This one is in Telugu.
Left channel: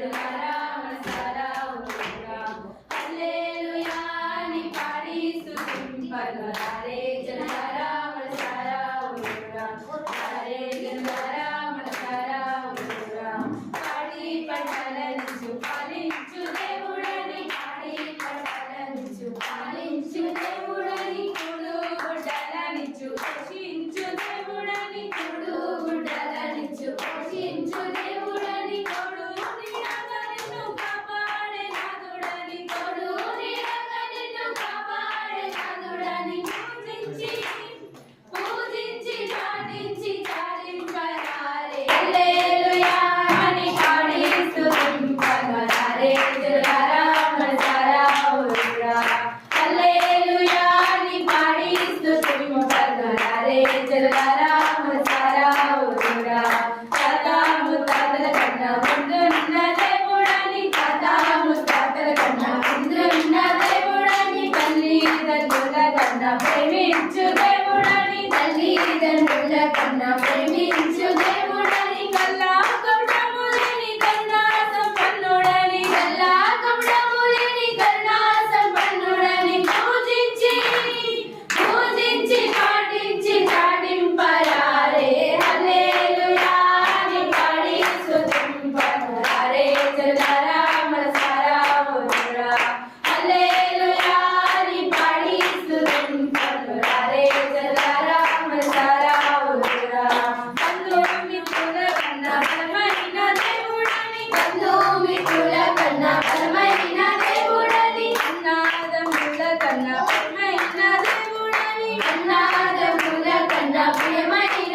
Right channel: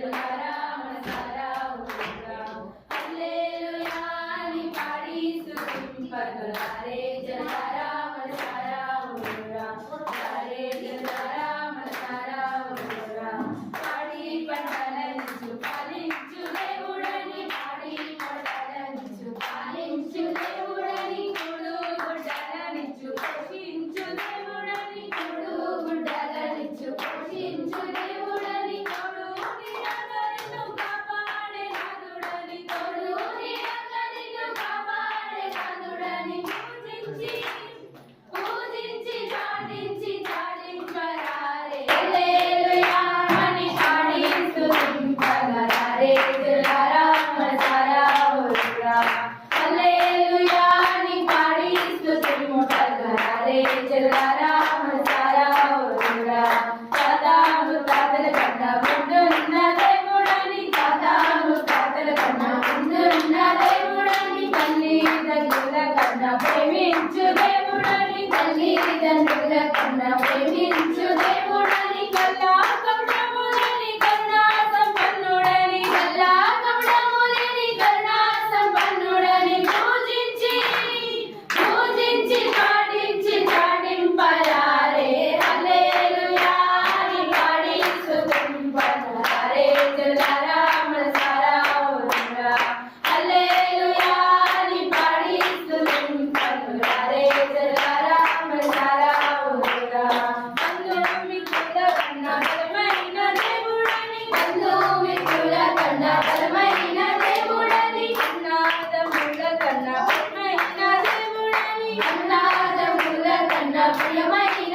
జనులారా మనసారా ఊరురా హల్లెలూయా అని పాడి స్తుతింపగలరే జనులారా మనసారా ఊరురా హల్లే జనులారా మనసారా ఊరురా పాడి పంటలనిచ్చు పాలించు దేవుడని పాడి పంటలనిచ్చు పాలించు దేవుడని కొడు గుడ్డలనిచ్చు పోషించు దేవుడని కొడు గుడ్డలనిచ్చు పోషించు దేవుడని కొడు నిన్ను కాపాడే నాదుడని కొడు నిన్ను కాపాడే నాదుడని పూజించి చాటించి చాటింపరారే హల్లెలూయా అని పాడి స్తుతింపగలరే జనులారా మనసారా ఊరురా హల్లెలూయా అని పాడి స్తుతింపగలరే జనులారా మనసారా ఊరురా తాత ముత్తాతల కన్నా ముందున్న దేవుడని తాత ముత్తాతల కన్నా ముందున్న దేవుడని తల్లిదండ్రుల కన్నా ప్రేమించు దేవుడని తల్లిదండ్రుల కన్నా ప్రేమించు దేవుడని కల్లా కపటములేని కరుణా సంపన్నుడని కల్లా కపటములేని కరుణా సంపన్నుడని పూజించి పాటించి చాటింపరారే హల్లెలూయా అని పాడి స్తుతింపరారే జనులారా మనసారా ఊరురా హల్లెలూయా అని పాడి స్తుతింపరారే జనులారా మనసారా ఊరురా బంధుమిత్రుల కన్నా బలమైన దేవుడని బంధుమిత్రుల కన్నా బలమైన దేవుడని అన్నాదముల కన్నా ప్రియమైన దేవుడని అన్నాదముల కన్నా ప్రియమైన